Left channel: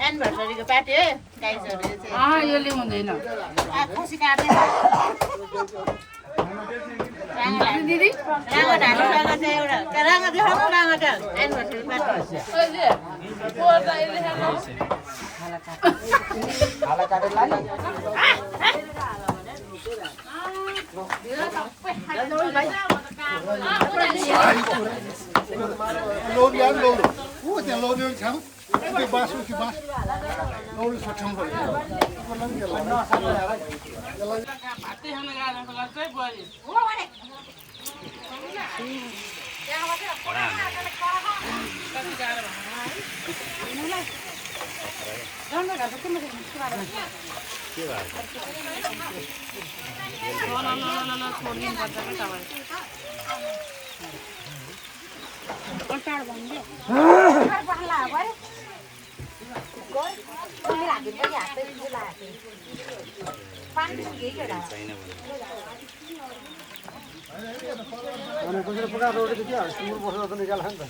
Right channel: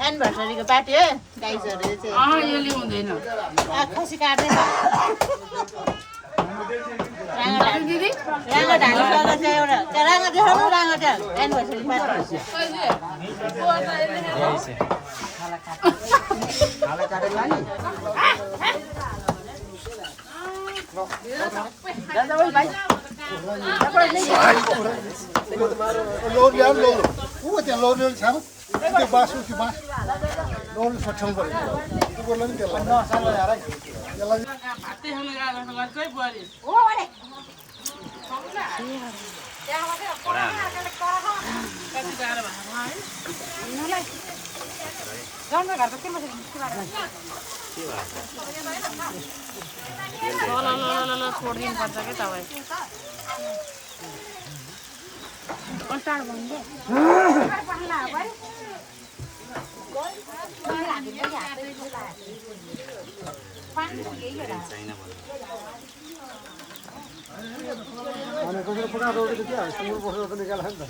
एनिभर्सरीको party हो गाइजहरुले चाहिँ यो लिउँदैन खसी काटेर दिदी राङ्गा ढाली लगाएर चाहिँ एउटा राङ्गा देखाउनु राङ्गा त एनिभर्सरी पार्टी खाला काटेर लाने लोड यार लोड ऊ त्यहाँ लोड छ त्यो बास उति बास लोड सठ्याउनु पर्यो ऊ बोल्नु नि त्यसलाई अनि कसरी पुरा जोडे त के हाल सुरु बसेर त निकाल्छ नि त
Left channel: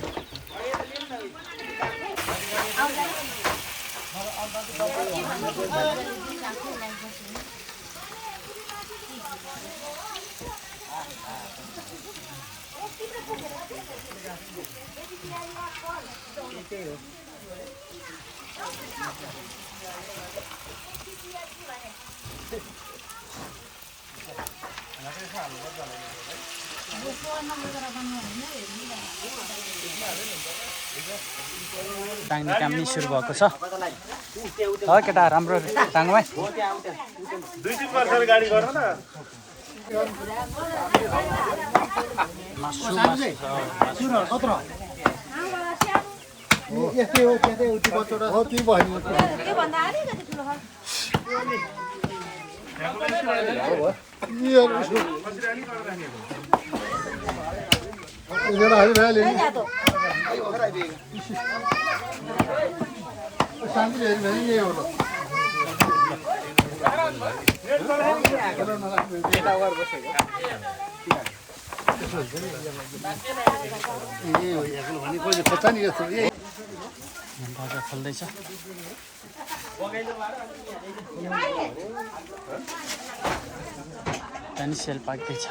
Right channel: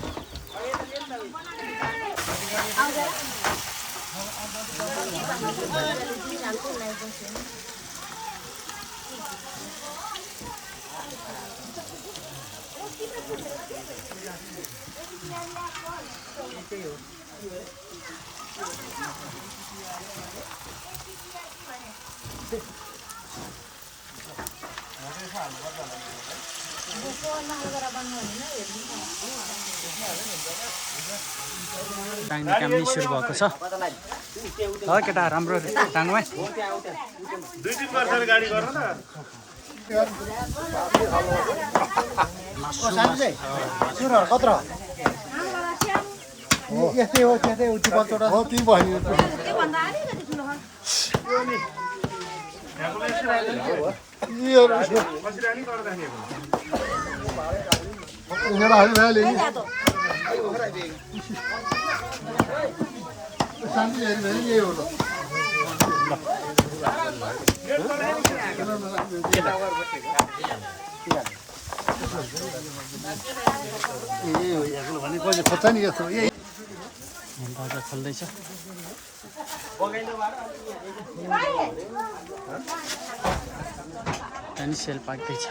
टाङ्ने काम नि सुरु भएको छ केटा राम्रो टाङ्गो है कत्र यस्तै हो त्यस्तै उति बचोटा हो ती बहिनी दर्जा खोल्दैछ त्यहाँदेखि सेल पाक्दैछ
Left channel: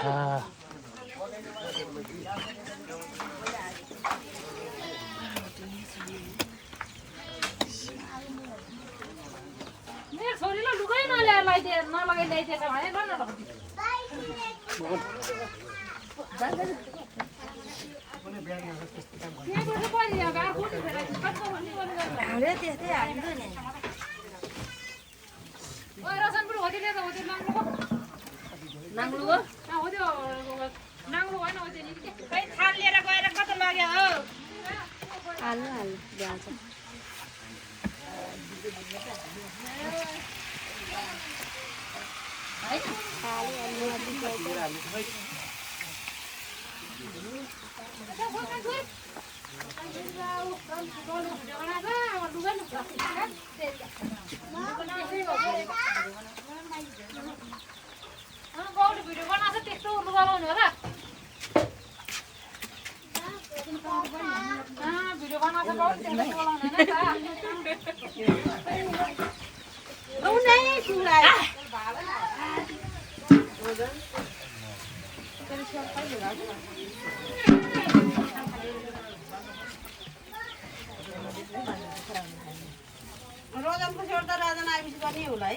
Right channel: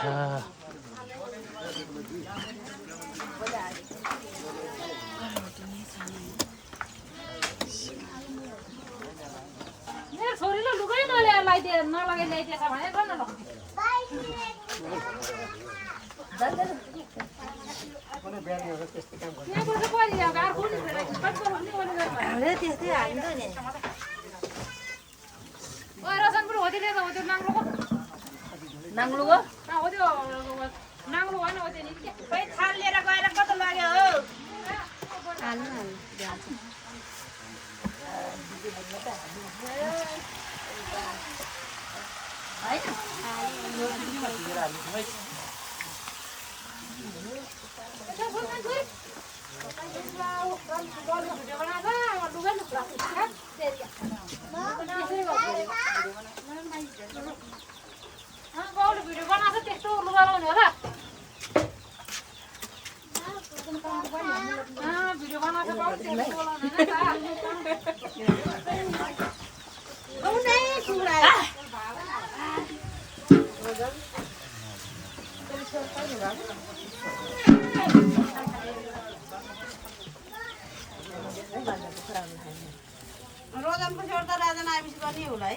रोजनको छोड त राजा आएपछि गर्ने होला है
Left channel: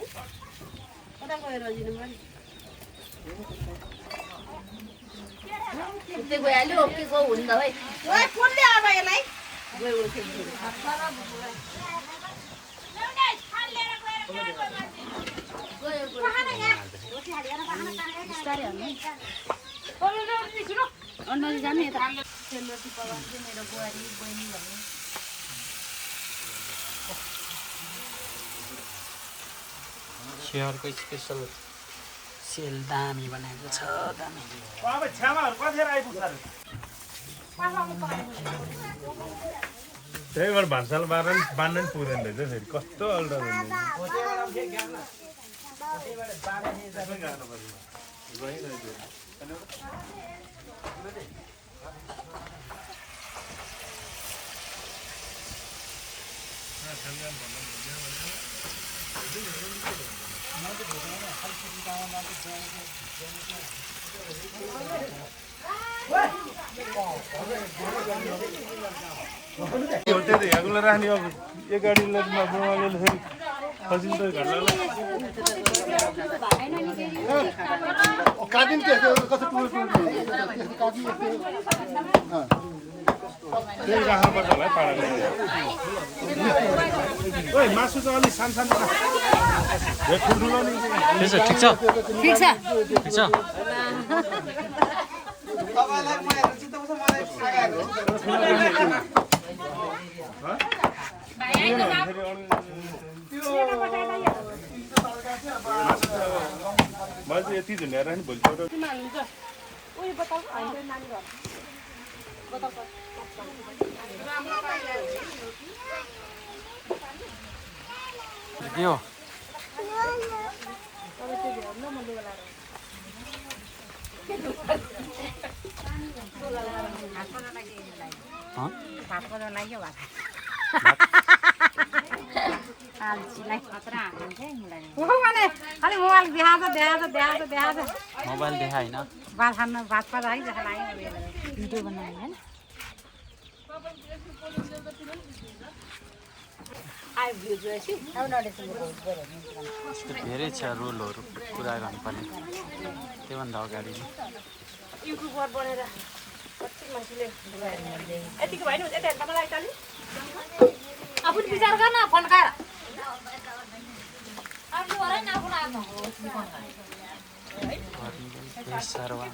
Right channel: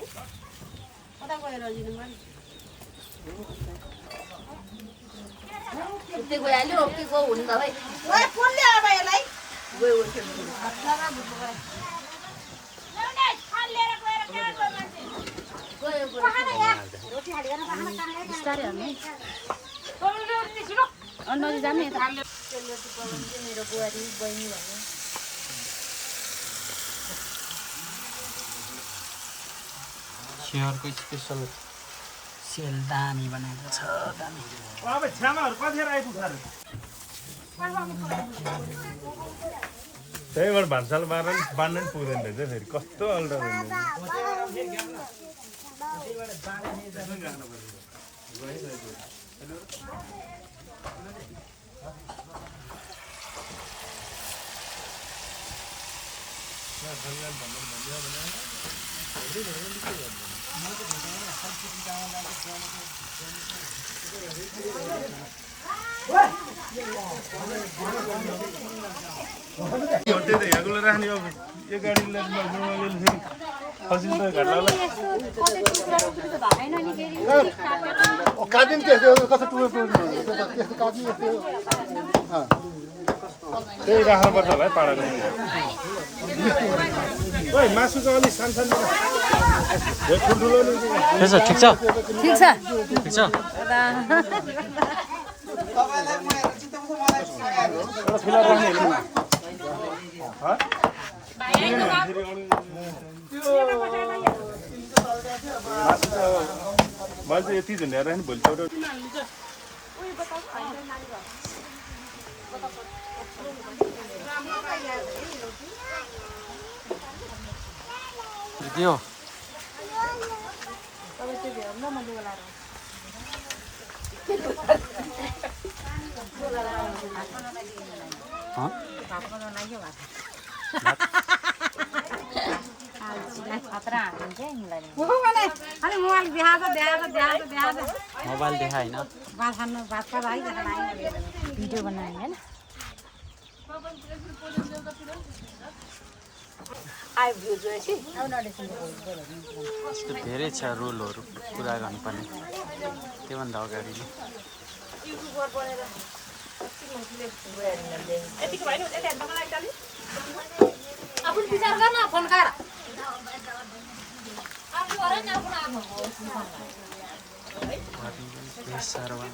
कता गयो रजिनु पनि उतै गइहाल्यो के गयो हुनु त भाइ ओए फोनले आबा यसलाई गयो गयो गयो स्याहारको स्पेसल सेल दामी बनाएको छ दामी त्यही भएर भान्साल बाँध्न पनि पुग्दैन रहेछ फेरि कस्तो अल्टो हेर्नुलाई राख्ने अब एक गाडीलाई फेरि फसिन्छ घर लाग्ला काटिन्छ कस्तो त्यही राख्नुपर्छ होला है पाडाको ओइ मासु त अलिक सानो ठुल्ठुलो नि त्यसो ठिक छ ठिक छ ठिक छ मैले चाहिँ यति झुन्ड्याएर नि भोलि दियो मोबाइल देखा होइन भिडियो बनाउने हैन यस्तो धेरै छ रुलहरू पुरा गर्नुपर्ने त्योभन्दा अगाडि सर्वा